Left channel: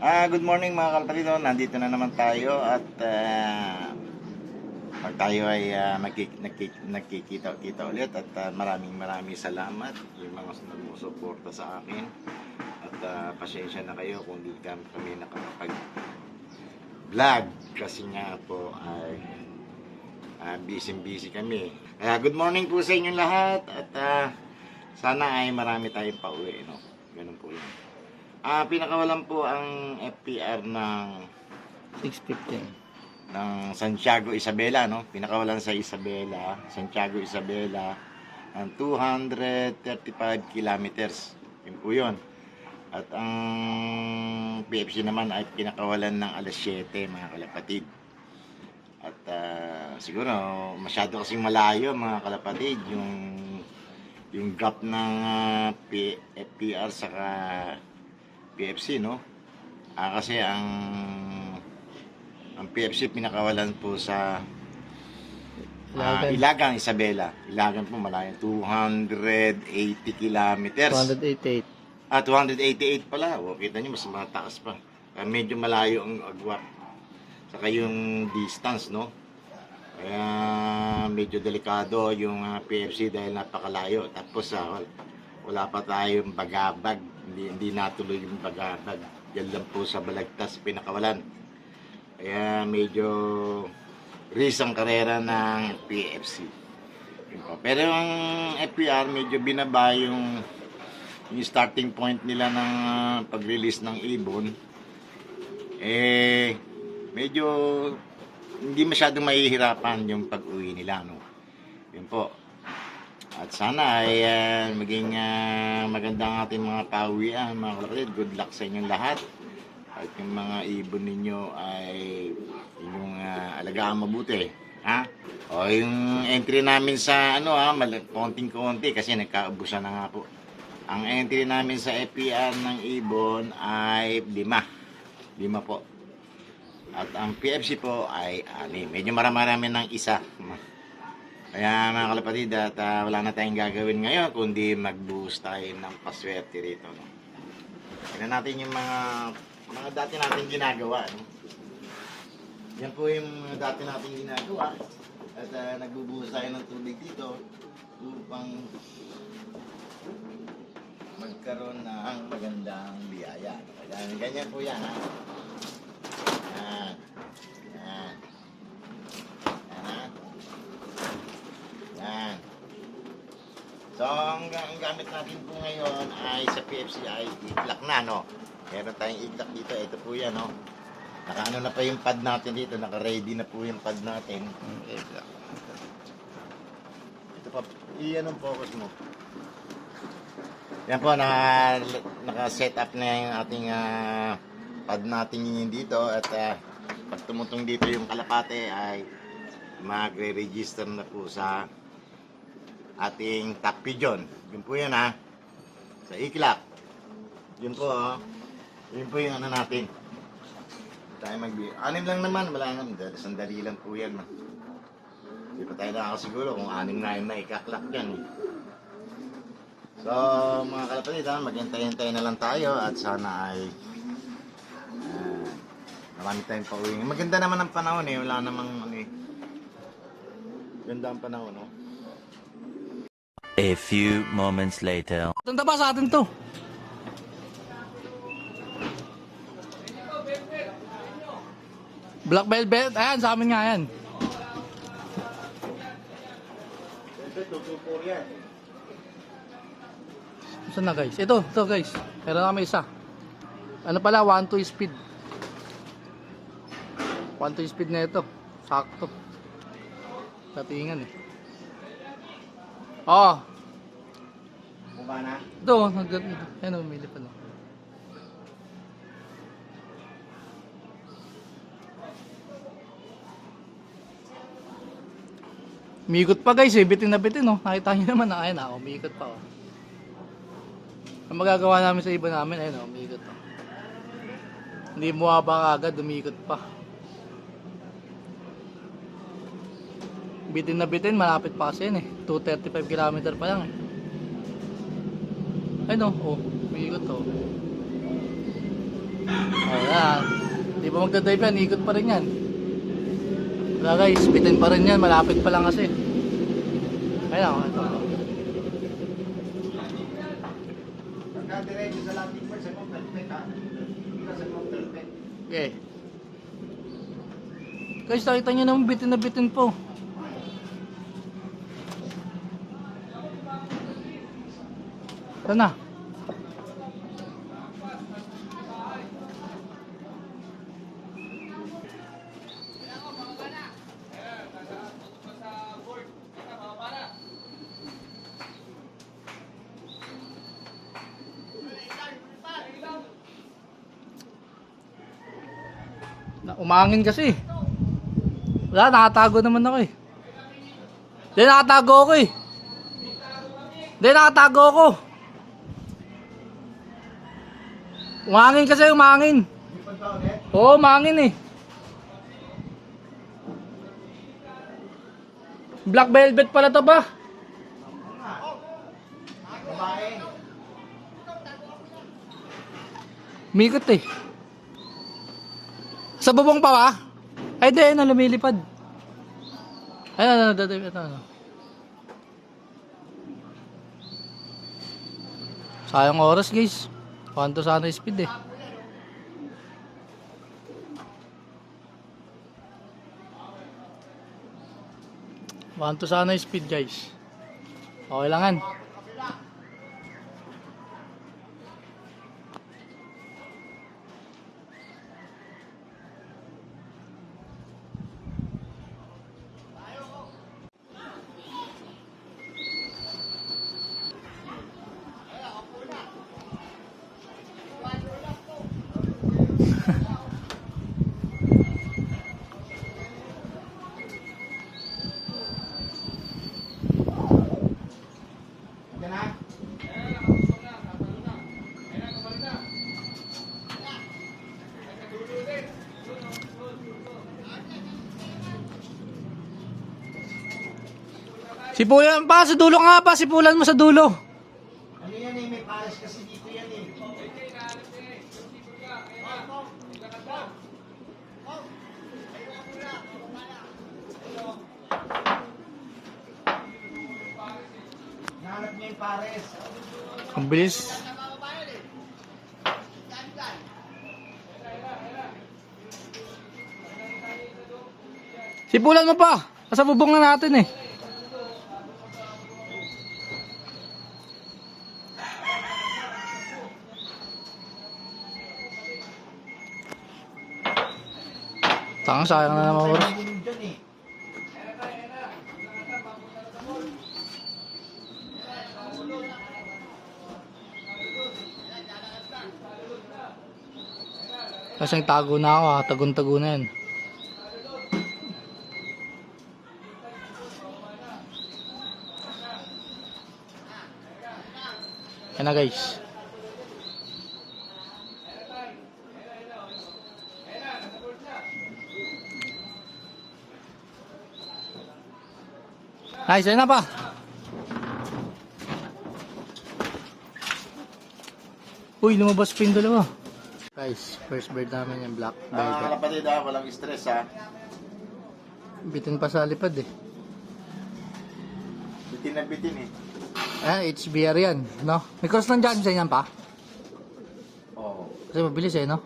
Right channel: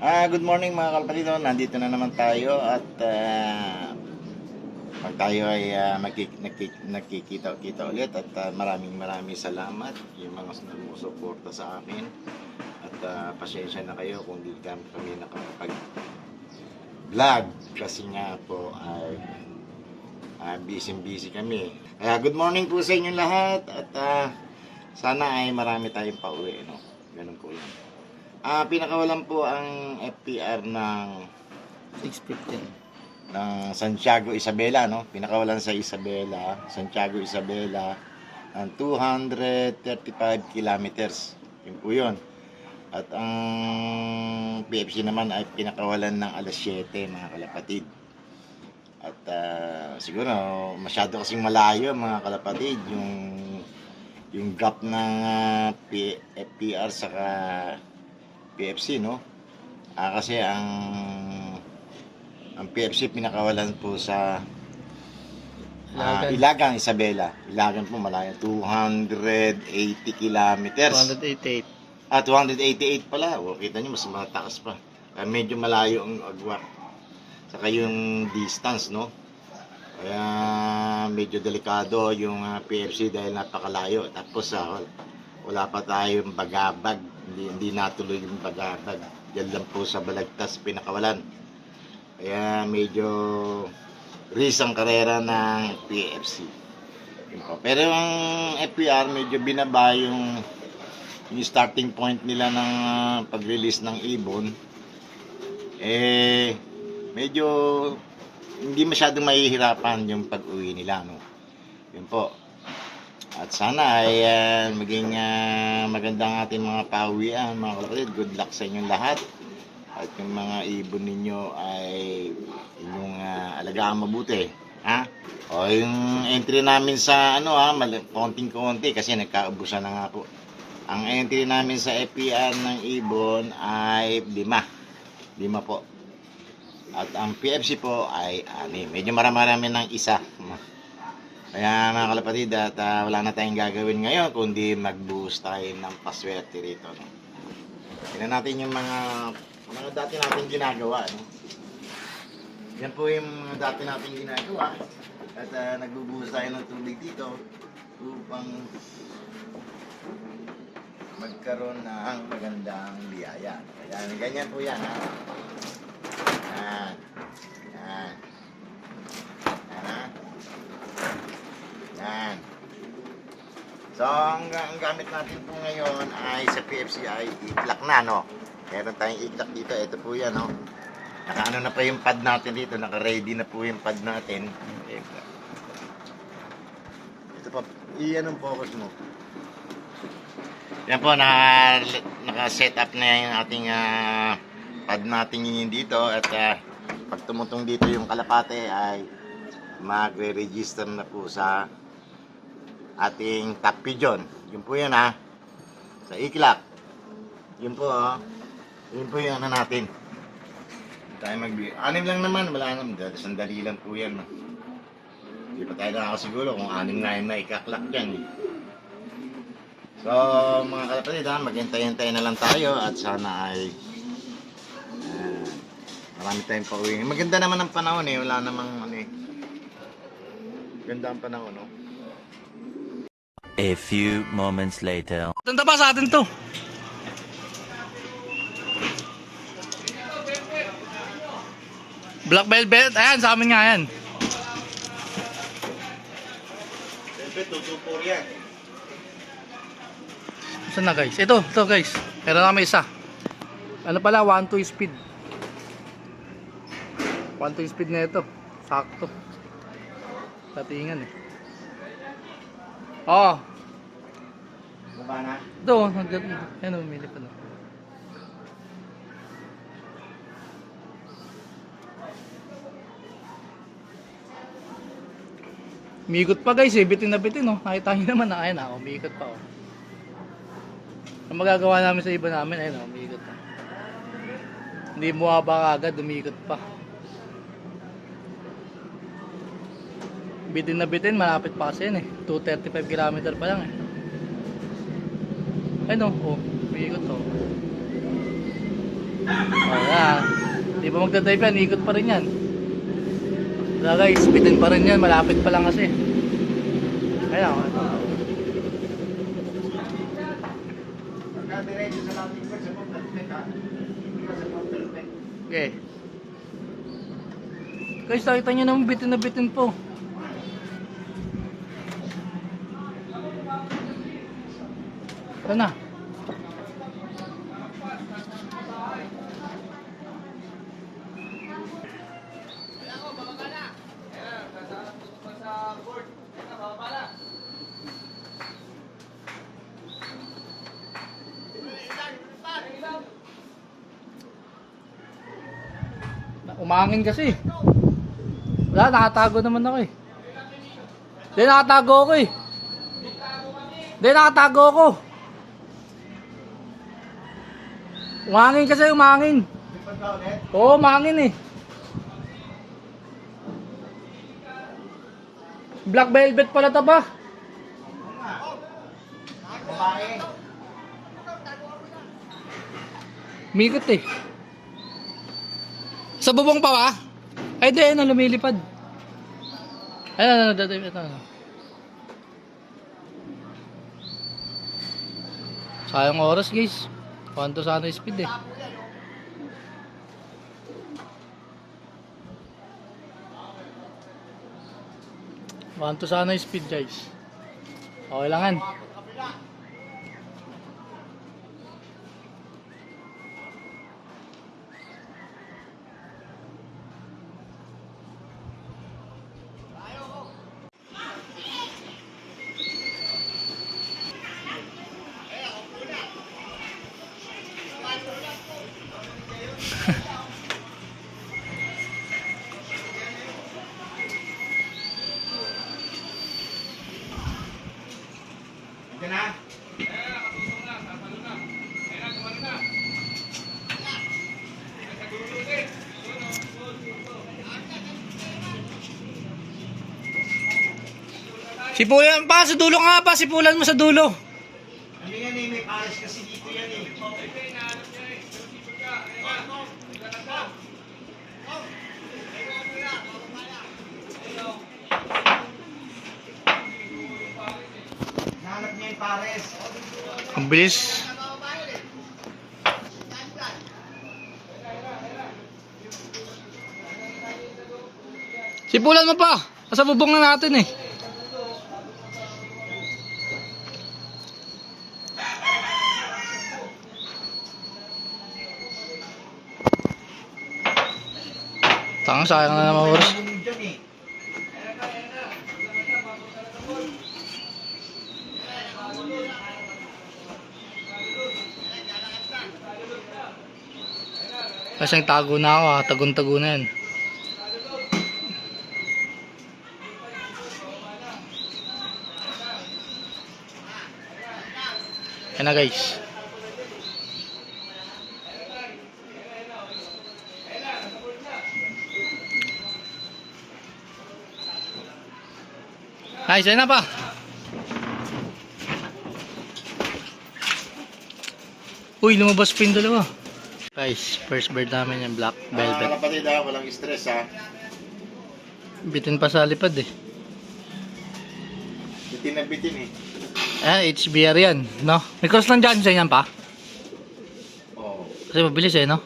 Good morning mga kalapatido. Nandito na naman tayo at pag tayo ay nagkikita-kita ulit at maraming salamat yung mga sumusuporta sa akin at pasensya na kayo kung di kami nakapag-vlog kasi nga po ay busy kami. Good morning po sa inyo lahat at sana ay marami tayong pauwi, no? Ganun po yun. Pinakawalan po ang FPR ng 615 ng Santiago Isabela, no? Pinakawalan sa Santiago Isabela ng 235 kilometers. Yun po yun. At ang PFC naman ay pinakawalan ng alas 7, mga kalapatid. At siguro masyado kasing malayo, mga kalapatid, yung gap ng FPR saka PFC, no? Kasi ang PFC pinakawalan po sa Ilagang Isabela. Ilagang po malayo, 280 kilometers. 288 288 pala. O, kita nyo, mas mataas pa. Medyo malayo ang agwat. Saka yung distance, no? Kaya medyo delikado yung PFC dahil napakalayo. Tapos wala pa tayong bagabag. Hindi natuloy yung bagabag. Diyan lang po sa Balagtas pinakawalan. Kaya medyo risk ang karera ng PFC. Pero ang FPR medyo binaba yung starting point nila ng pag-release ng ibon. Medyo hindi masyadong mahihirapan yung pag-uwi nila, no? Yun po. At sana ay maging maganda ang ating mga pauwian, mga kalapatid. Good luck sa inyong lahat. At yung mga ibon ninyo ay inyong alagaan mabuti. Ha? O yung entry namin sa konting-konti kasi nagkaubusan na nga po. Ang entry namin sa FPR ng ibon ay 5 po. At ang PFC po ay 6. Medyo marami ng isa. Kaya mga kalapatid, at wala na tayong gagawin ngayon kundi mag-boost tayo ng paswerte rito, no? Tingnan natin yung mga dati natin ginagawa, no? Yan po yung mga dati natin ginagawa. At nagbubuhos tayo ng tubig dito upang magkaroon ng magandang biyaya. Kaya ganyan po yan, ha? Yan. Yan. Yan, ha? Yan. So, ang gamit natin po ngayon ay sa PFC ay iklak na, no? Meron tayong iklak dito. Ito po yan, no? Nakaano na pa yung pad natin dito. Naka-ready na po yung pad natin. Ito pa. Iyan ang focus mo. Yan po, naka-set up na yung ating pad natin yun dito. At pag tumutong dito yung kalapate ay magre-register na po sa ating top pigeon. Yun po yun, ha. Sa iklak. Yun po, yun po yung natin. Tayo magbigay. 6 lang naman, wala naman. Sandali lang po yan. Hindi pa tayo nakakasiguro kung 6 na ikaklak dyan. So, mga kalapatid, maghintay-hintay na lang tayo at sana ay marami tayong pauwi. Maganda naman ang panahon, wala namang ganda ang panahon, no? A few moments later. Tanda ba sa atin to? Black Velvet, ayan sa amin nga yan. Siyempre, tutupor yan. Saan na guys? Ito guys. Meron na may isa. Ano pala, 1-2 speed. 1-2 speed na ito. Sakto. Tatingan eh. Oo. Baba na? Ito, yan o, umili pa na. Umiikot pa guys eh, bitin na bitin oh. Nakita nyo naman na, ayun na, umiikot pa oh. Ang magagawa namin sa iba namin, ayun oh, umiikot oh. Hindi buwaba agad, umiikot pa. Bitin na bitin, malapit pa kasi yan eh. 235 km pa lang eh. Ayun oh, umiikot oh. Oh, yan. Di ba magdadrive yan, ikot pa rin yan. Wala guys, bitin pa rin yan, malapit pa lang kasi. Ayan, ito. Pagka-diretso sa landing pad, sa perfect ha. Hindi ka sa perfect. Okay. Guys, nakita nyo naman bitin na bitin po. Ito na. Umangin kasi. Wala, nakatago naman ako eh. Hindi, nakatago ako eh. Hindi, nakatago ako. Umangin kasi, umangin. Oo, umangin eh. Black velvet pala ito ba? Babae. Mikot eh. Sa bubong pa ba? Ay, di, ano, lumilipad. Ano, ito. Sayang oras, guys. Kwanto sana speed eh. Kwanto sana speed, guys. Okay langan. Yan na. Sipulan pa, sa dulo ka nga pa, sipulan mo sa dulo. Ano yan eh, may pares kasi dito yan eh. Nahanap niya yung pares. Ang bilis. Sipulan mo pa, nasa bubong na natin eh. Tanga, sayang na naman oras. Dyan eh. Kasi tago na ako ha, tagun-tago na yan. Yan na guys. Nice, yan na pa. Uy, lumabas pa yung dalawa. Guys, first bird namin yung black velvet. Kapatid ha, walang stress ha. Bitin pa sa lipad eh. Bitin na bitin eh. Ah, HBR yan, no? May cross lang dyan sa inyan pa. Oo. Kasi mabilis eh, no?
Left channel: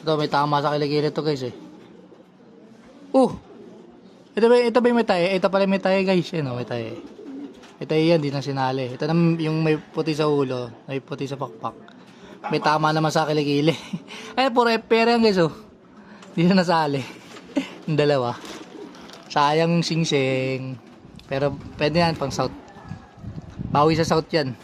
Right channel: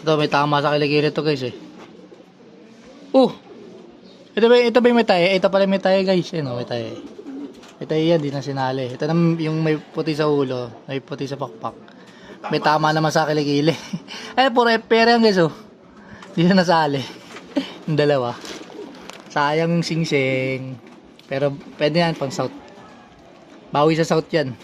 Ito, may tama sa kiligili to guys eh. Ito ba yung may tayo? Ito pala may tayo guys. Ano, may tayo. May tayo yan, di na sinali. Ito na yung may puti sa ulo, may puti sa pakpak. May tama naman sa kiligili. Ay, puro FPR yan guys oh. Di na nasali. Yung dalawa. Sayang yung singsing. Pero pwede yan pang south. Bawi sa south yan.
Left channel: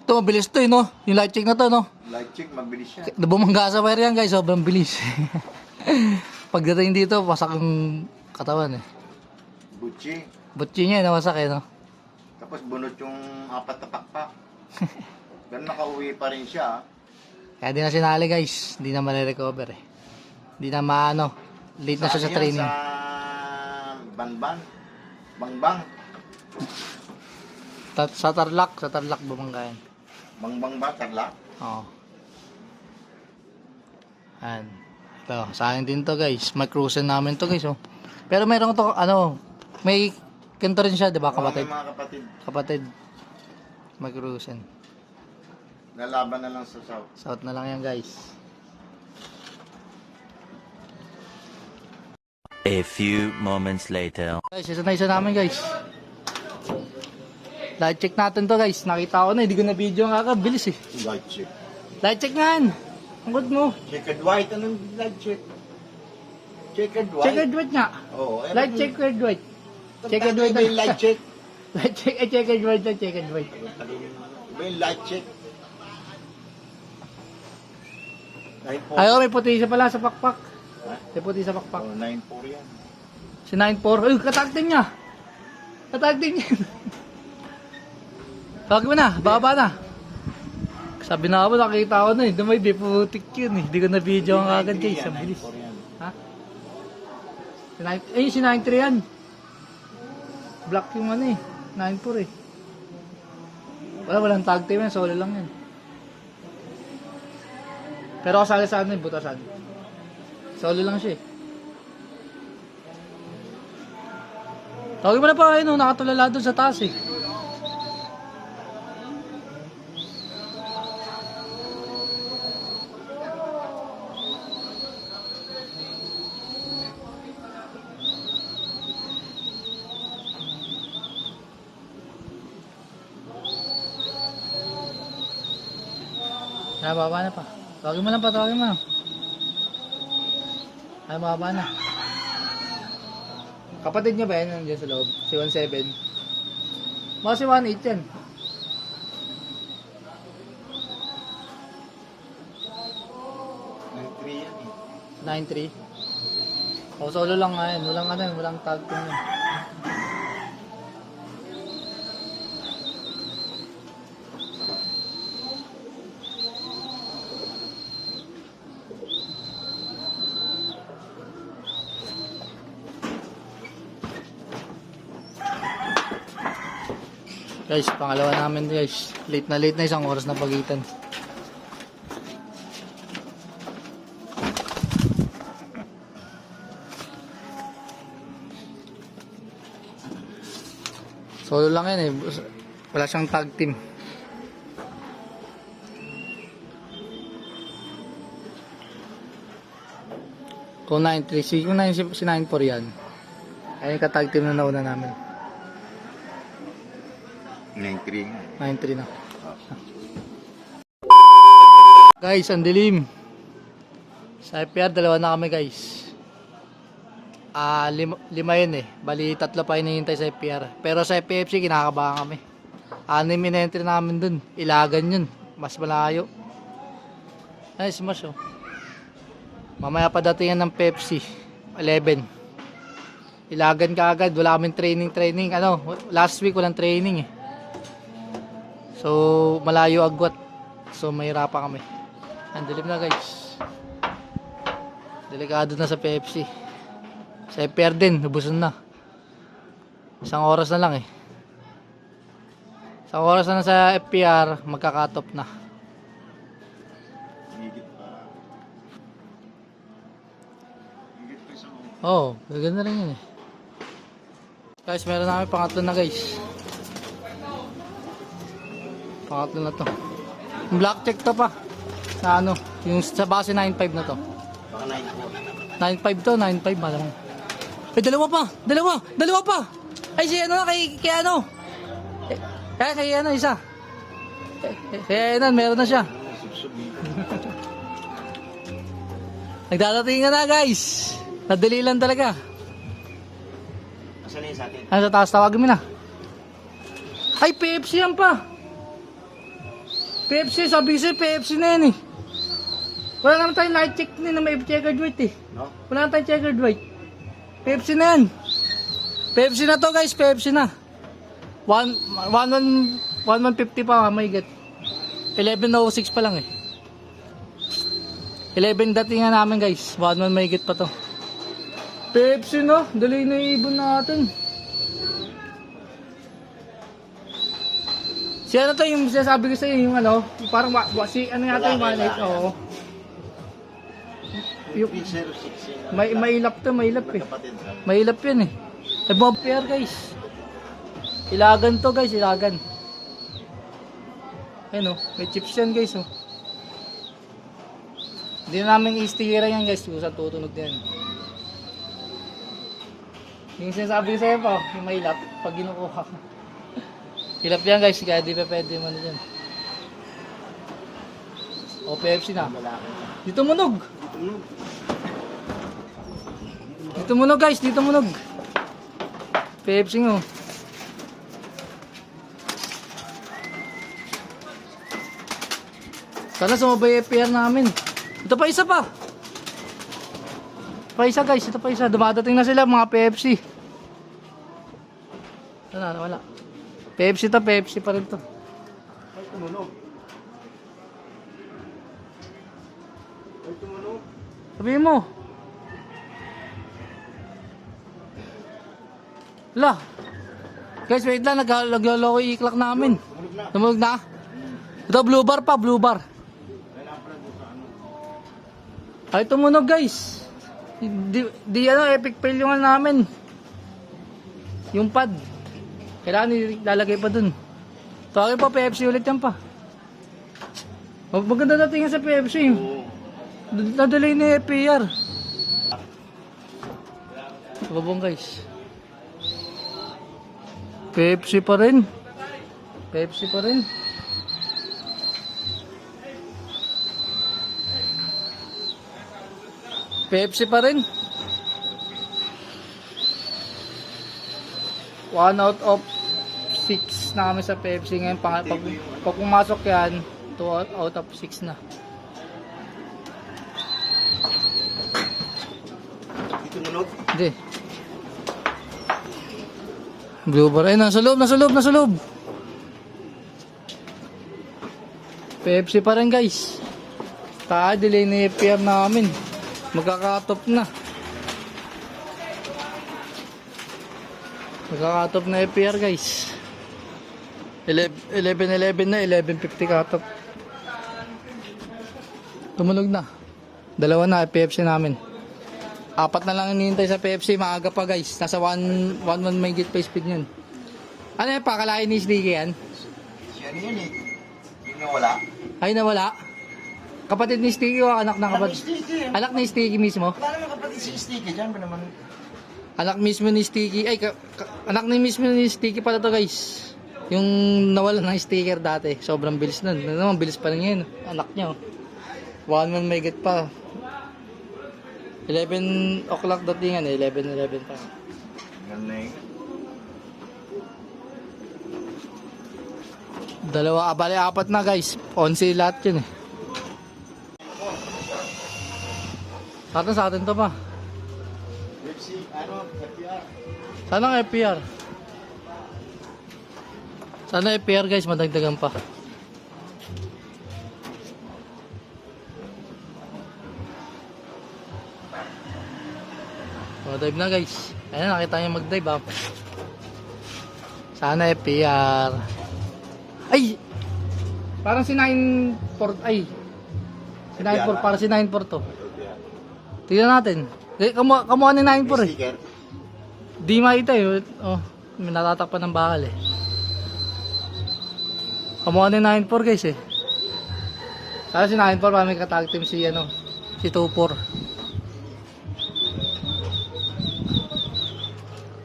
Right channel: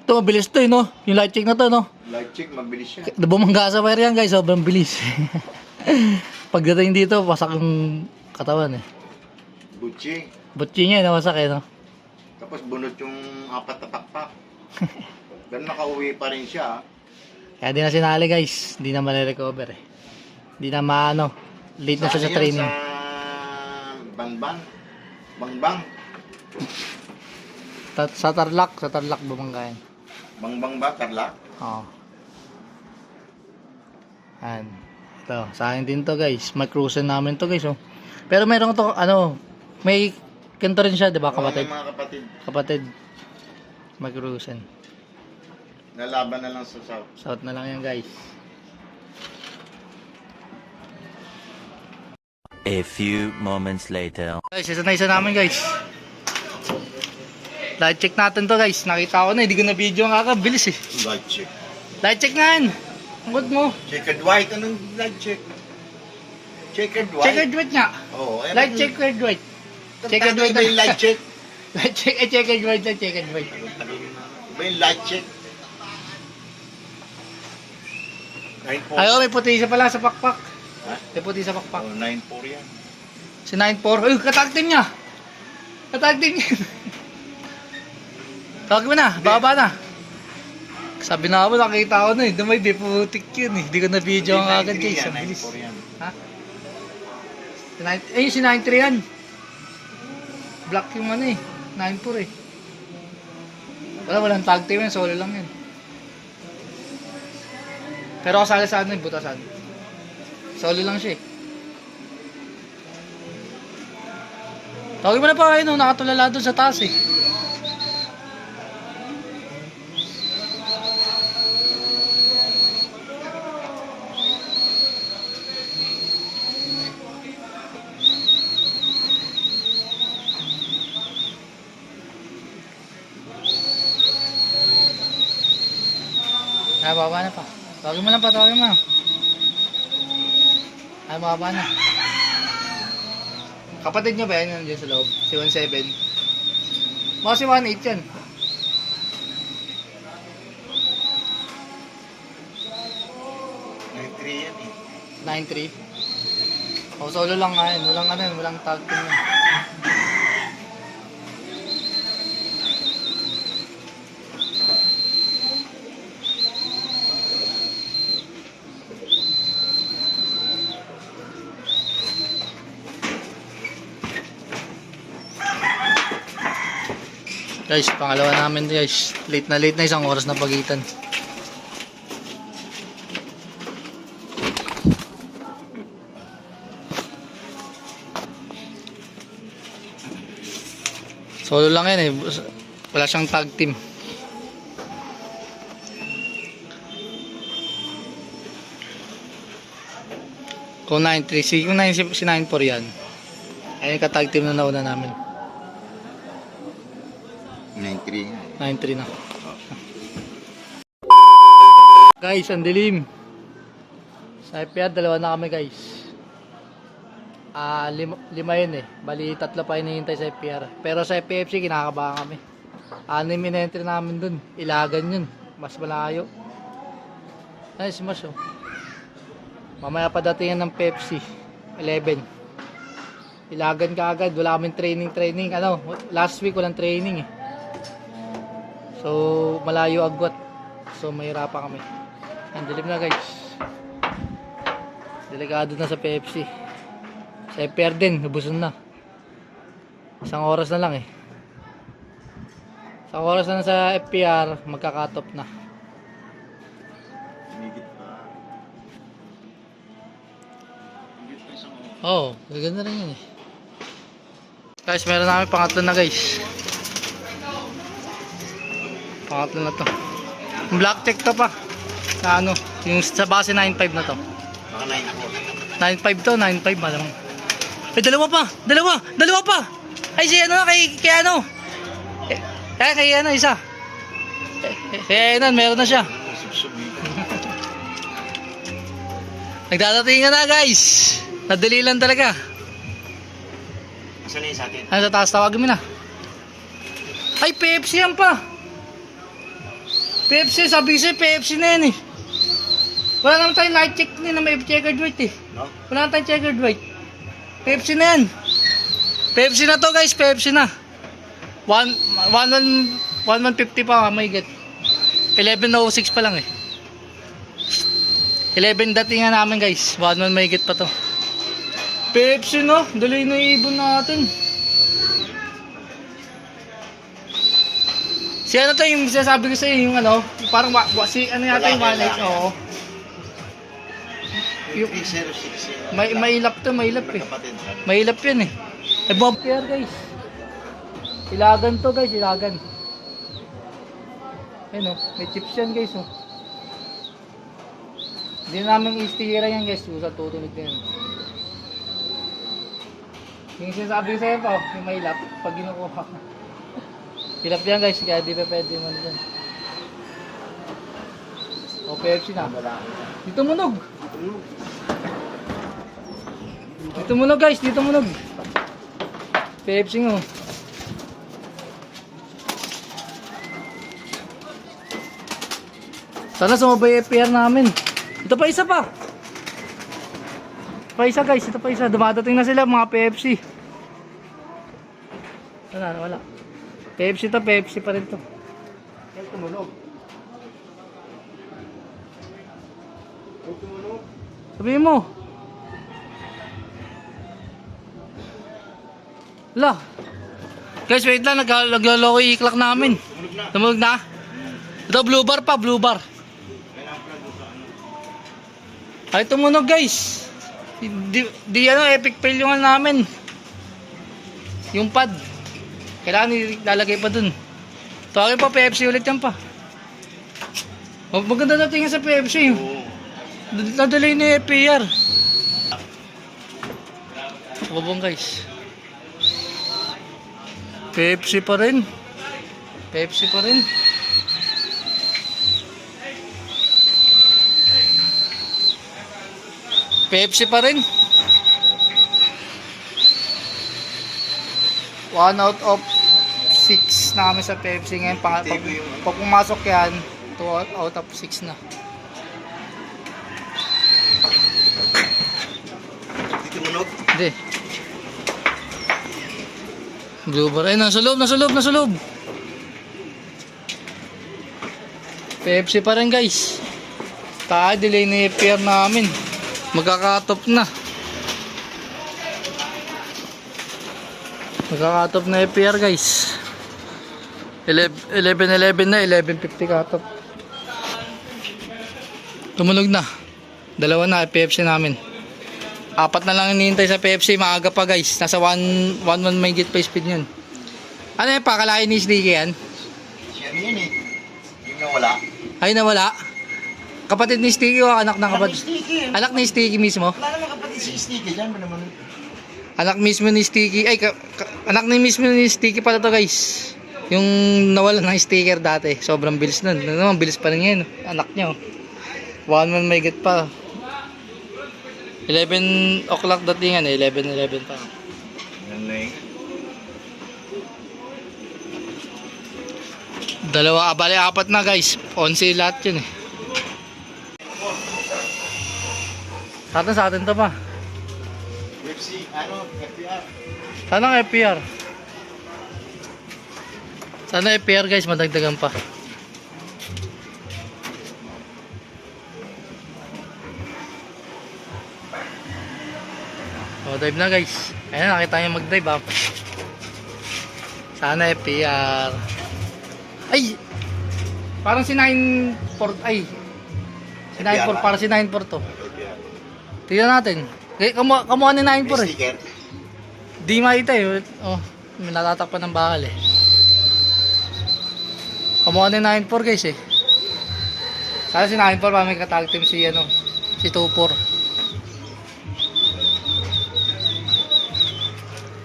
Ito, mabilis to eh, no? Yung light check na to, no? Light check, mabilis siya. Bumangga sa wire yan, guys. Sobrang bilis. Pagdating dito, pasak yung katawan, eh. Butchi. Butchi niya, nawasak, eh, no? Tapos bunot yung 4 na pakpak. Pero nakauwi pa rin siya. Kaya di na sinali, guys. Hindi na ma-recover, eh. Hindi na maano. Late na siya sa Saan yan? training. Sa Banban. Bangbang. Sa Tarlac Bumanggayan. Bangbang ba, Tarlac? Oo. Ayan. Ito, sa akin din to guys. May cruiser namin to guys, oh. Pero meron to, ano, may ganito rin siya, di ba, Oo, kapatid? may mga kapatid. Kapatid. May cruiser. Nalaban na lang sa South. South na lang yan guys. A few moments later. Guys, isa na isa namin guys. Light check natin to guys. Nakita ko na, hindi ko na video ang kakabilis eh. Light check. Light check nga yan. Ang good mo. Checkered white, anong light check? Checkered white? Checkered white nga. Oo. Light checkered white. Checkered white. Iba yung light check. Light check, checkered white na checkered white. Iba yung light check. Ayaw, may puti isa pala sa pakpak. Ha? May puti sa pakpak. Oh, 9-4 yan. Si 9-4. Uy, katag-team niya. Katag-team niya. Tawag mo na, baba na. Sabi na ako, nakita ko na eh. May biputik yun eh. Hindi ko na video ang agad guys. Ang bilis. 9-4 yan. Ha? Si 9-3 yan. Black yung ano eh. 9-4 eh. Walang tag team yan. Solo lang yan. Pero kasali sa ano eh, butasan. Solo lang siya eh. Tawagin mo na pa kayo nung nakatulala doon sa taas eh. Baba na pa. Tawagin mo lang pa, tawagin mo. Baba na. Kapatid niya ba yan nandiyan sa loob? Si 17. Baka si 18 yan. yan eh. 9-3. O, solo lang nga yan. Walang ano yun, walang tag team yan. Guys, pangalawa namin guys. Late na isang oras na pagitan. Solo lang yan eh. Wala siyang tag team. Kung 9-3, kung 9 si 9-4 yan. Ayun ka tag team na nauna namin. 9-3 yan. 9-3 na. Guys, ang dilim. Sa FPR, dalawa na kami guys. Lima yun eh. Bali, tatlo pa hinihintay sa FPR. Pero sa FPFC, kinakabahan kami. 6 in-entry namin dun. Ilagan yun. Mas malayo. Ay, smash oh. Mamaya pa datingan ng Pepsi. 11. Ilagan ka agad. Wala kaming training. Ano, last week walang training eh. So, malayo agwat. So, mahirapan kami. Ang dilim na guys. Delikado na sa Pepsi. Sa FPR din, nabuson na. Isang oras na lang eh. Isang oras na lang sa FPR, magkakatop na. Oo, maganda rin yun eh. Guys, meron namin pangatlo na guys. Pangatlo na to. Yung black check to pa. Na ano, yung sa base 9.5 na to. Baka 9-4. 9.5 to, 9.5 malamang. Eh, dalawa pa! Ay, si ano na, kay ano? Kay ano, isa. Kay ano, meron na siya. Nagdadatingan na guys. Nadali lang talaga. Asan na yun sa atin? Ano sa taas, tawagin mo na. Ay, Pepsi yan pa. Pepsi, sabi ko sa'yo, Pepsi na yan eh. Wala naman tayong light check na may checkered white eh. No? Wala naman tayong checkered white. Pepsi na yan. Pepsi na to guys, Pepsi na. 1,150 pa may get. 11.06 pa lang eh. 11 datingan namin guys. 1,1 may get pa to. Pepsi no, dali na ibon natin. Si ano to yung sinasabi ko sa'yo, yung ano, parang si ano yata yung Lalaki, 1X, oo. Yung 306 yun. Mailap to, mailap eh. Magkapatid. Mailap yan eh. Ay, Bob Pair guys. Ilagan to guys, ilagan. Ayun oh, may chips yan guys oh. Hindi na namin i-stickera yan guys, sa tutunog din. Yung sinasabi ko sa'yo pa, yung mailap, pag ginukuha ko. Hilap yan guys, kaya di pa pwede man dyan. O, PFC na. Dito munog. Dito munog guys, dito munog. PFC nga oh. Sana sumabay FPR namin. Ito pa isa pa. Pa isa guys, ito pa isa. Dumadating na sila mga PFC. Wala. PFC to, PFC pa rin to. Ay, tumunog. Sabihin mo. Wala. Guys, wait lang. Naglaloko yung i-clock namin. Tumunog na. Ito, blue bar pa, blue bar. Ay, tumunog guys. Di ano, epic fail yung ano namin. Yung pad. Kailangan ilalagay pa dun. Tawagin pa, PFC ulit yan pa. Maganda natin nga sa PFC. Nadalay na yung FPR. Babong guys. PFC pa rin. PFC pa rin. PFC pa rin. 1 out of 6 na kami sa PFC ngayon. Pag pumasok yan, 2 out of 6 na. Dito munog. Hindi. Blue bar. Ay, nasa loob. PFC pa rin guys. Delay na yung FPR namin. Magkakatop na. Magkakatop na FPR guys. 11:11 na, 11:50 katop. Tumunog na. Dalawa na PFC namin. 4 na lang hinihintay sa PFC, maaga pa guys. Nasa 1 may git pa speed yun. Ano yan, pakalain ni Sticky yan? Yan yun eh. Yung nawala. Ay, nawala. Kapatid ni Sticky o anak ng kapatid? Sticky. Anak ni Sticky mismo? Wala naman kapatid si Sticky. Diyan ba naman? Anak mismo ni Sticky. Ay, anak ni mismo ni Sticky pala to guys. Yung nawala ng sticker dati. Sobrang bilis nun. Ano naman, bilis pa rin yan. Anak niya. 1 may git pa. 11 o'clock datingan eh. 11:11 pa. Galing. Dalawa, bali 4 na guys. 11 lahat yun eh. Sa atin to pa. UFC, FPR. Sana FPR. Sana FPR guys, madagdagan pa. O, dive na guys. Ayan, nakita nyo mag-dive ha. Sana FPR. Ay! Parang si 9-4, ay. Si 9-4, parang si 9-4 to. FPR. Tignan natin. Kamuha ni 9-4 eh. Sticker. Di makita eh. Oh, may natatakpan ng bakal eh. Kamuha ni 9-4 guys eh. Sana si 9-4 pa may katag team si ano, si 2-4.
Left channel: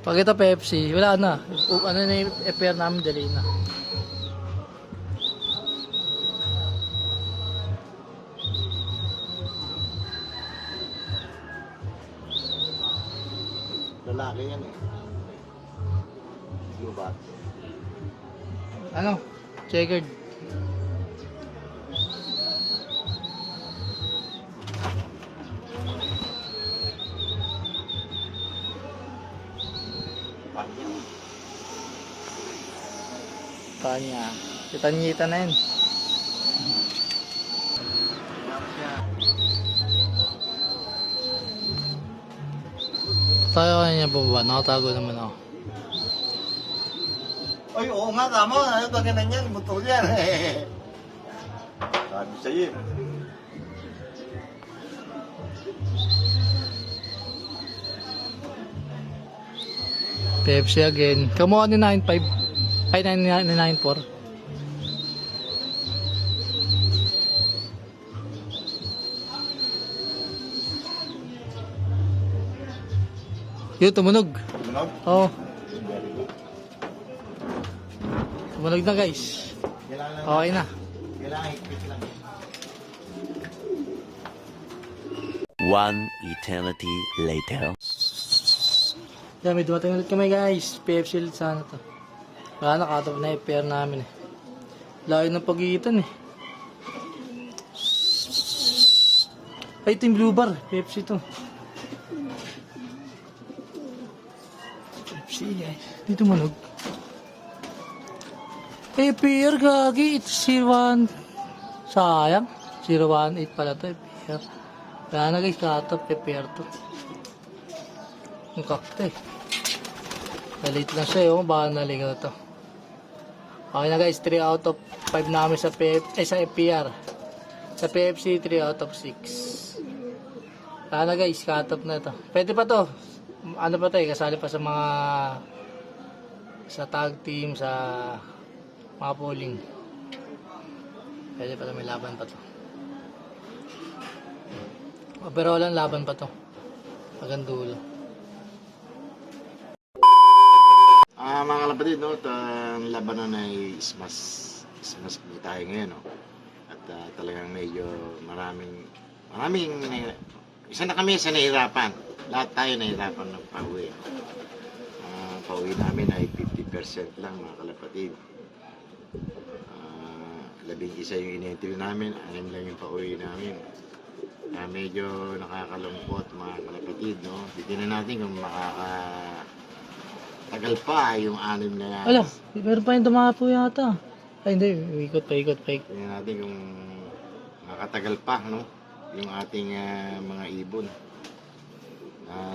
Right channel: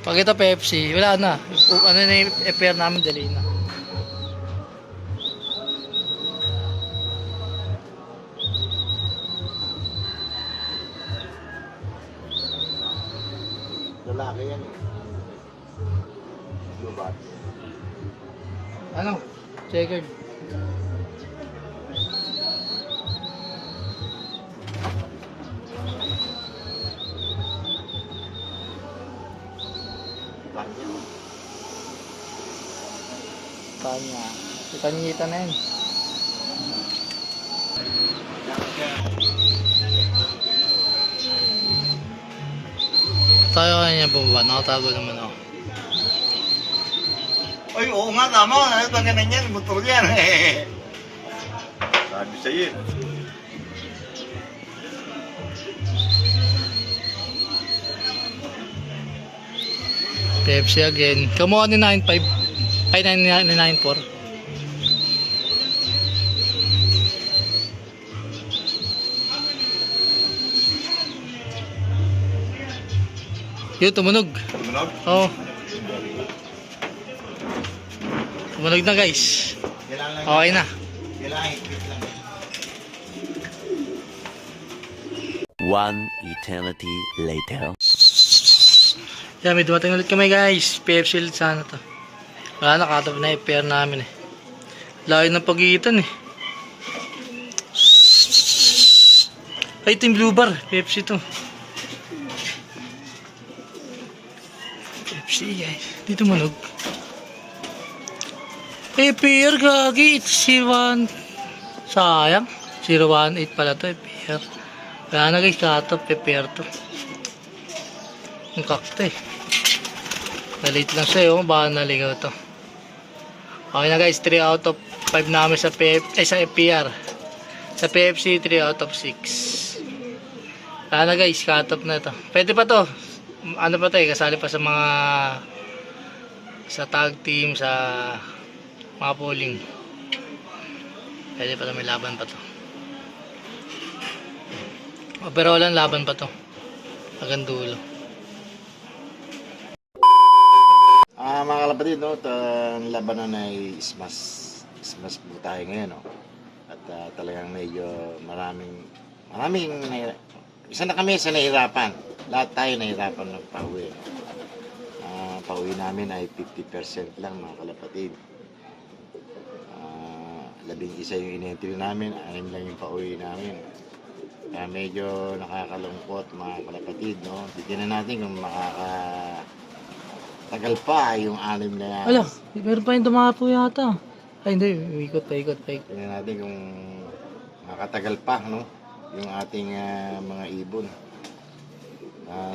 Pag ito Pepsi, wala na. Ano na yung FPR namin, dali na. Lalaki yan eh. Diba? Ano? Checkered. Tanya. Si Tanyita na yun. Tayo kanya bumaba. Nakatago naman ako. Ay, oo nga, tama. Ano ba ganun yan? Motor yan. Sabi sa'yo eh. Pepsi again. Kamuha ni 95. Ay, 94. Yun, tumunog. Tumunog? Oo. Tumunog na guys. Kailangan lang. Okay na. Kailangan higpit lang. One eternity later. Yan, may dumating ulit kami guys. PFC ulit sana to. Wala na, cut off na yung pair namin eh. Layo ng pagitan eh. Ay, ito yung blue bar. PFC to. PFC guys. Dito manog. Eh, pair gagi. It's 01. Sayang. 018 pala to eh, pair. Wala na guys, cut off. Pair to. Ang kakta eh. Nalit lang sa'yo, baka naligaw to. Okay na guys, 3 out of 5 namin sa sa FPR. Sa PFC, 3 out of 6. Wala na guys, cut off na to. Pwede pa to. Ano pa to eh, kasali pa sa mga sa tag team, sa mga polling. Pwede pa to, may laban pa to. Pero walang laban pa to. Hanggang dulo. Mga kalapatid, no, ang labanan ay smash po tayo ngayon, no. At talagang medyo maraming isa na kami sa nahirapan. Lahat tayo nahirapan ng pauwi, no. Pauwi namin ay 50% lang, mga kalapatid. 11 yung in-entry namin, 6 lang yung pauwi namin. Medyo nakakalungkot, mga kalapatid, no. Tignan natin kung tagal pa yung 6 na yan. Ala, meron pa yung dumapo yata. Ay hindi, ikot pa. Tingnan natin kung makatagal pa, no? Yung ating mga ibon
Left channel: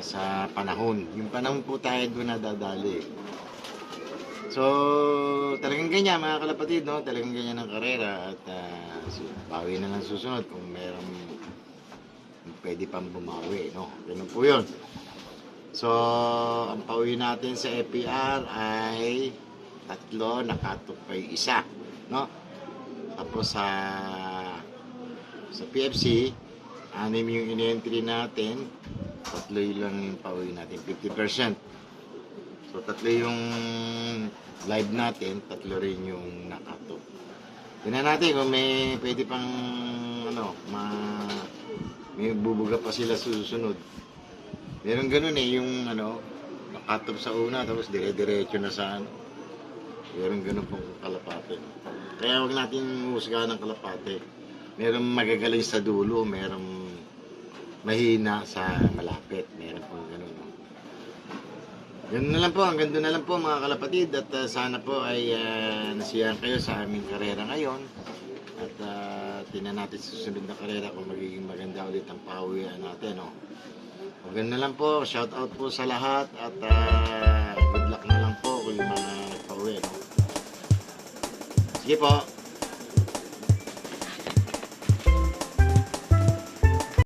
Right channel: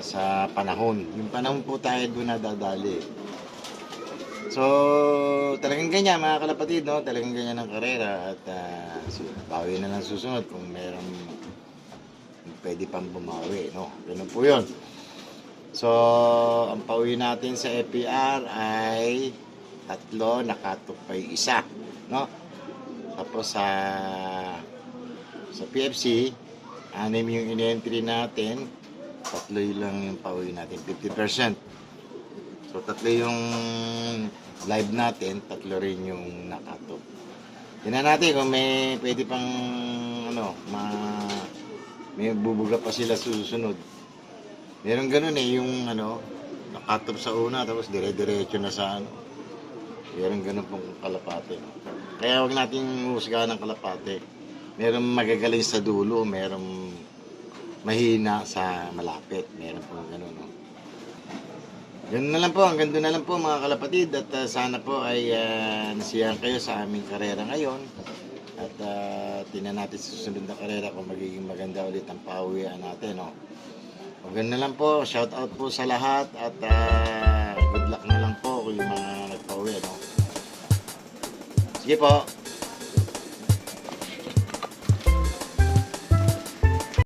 sa panahon. Yung panahon po tayo doon nadadali. So, talagang ganyan mga kalapatid, no? Talagang ganyan ang karera at bawi na lang susunod kung merong pwede pang bumawi, no? Ganun po yun. So, ang pauwi natin sa FPR ay 3, nakatok pa yung 1, no? Tapos sa PFC, 6 yung in-entry natin, 3 lang yung pauwi natin, 50%. So, 3 yung live natin, 3 rin yung nakatok. Tingnan natin kung may pwede pang may bubuga pa sila susunod. Meron ganun eh, yung nakatop sa una, tapos dire-diretso na sa Meron ganun pong kalapate. Kaya huwag natin husgahan ng kalapate. Meron magagaling sa dulo, meron mahina sa malapit. Meron pong ganun, no? Ganun na lang po, hanggang doon na lang po mga kalapatid. At sana po ay nasiyahan kayo sa aming karera ngayon. At tingnan natin sa susunod na karera kung magiging maganda ulit ang pauwian natin, no? Maganda lang po, shout out po sa lahat at good luck na lang po kung yung mga nagpauwi, no? Sige po.